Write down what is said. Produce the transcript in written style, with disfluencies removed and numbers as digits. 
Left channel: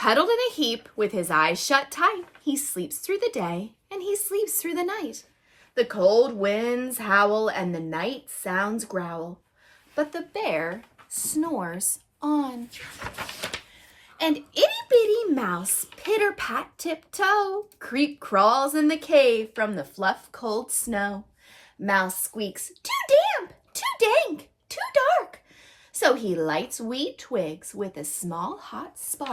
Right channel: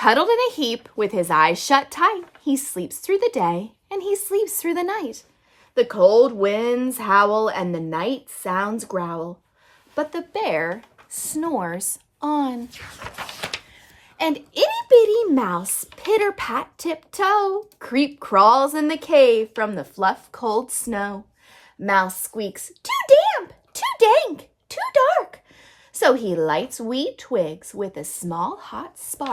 Cuddled in a heap with his eyes shut tight, he sleeps through the day and he sleeps through the night. The cold winds howl and the night sounds growl, but the bear snores on. And itty-bitty mouse, pitter-pat tiptoe, creep crawls in the cave from the fluff cold snow. Mouse squeaks, too damp, too dank, too dark. So he lights wee twigs with a small hot spark.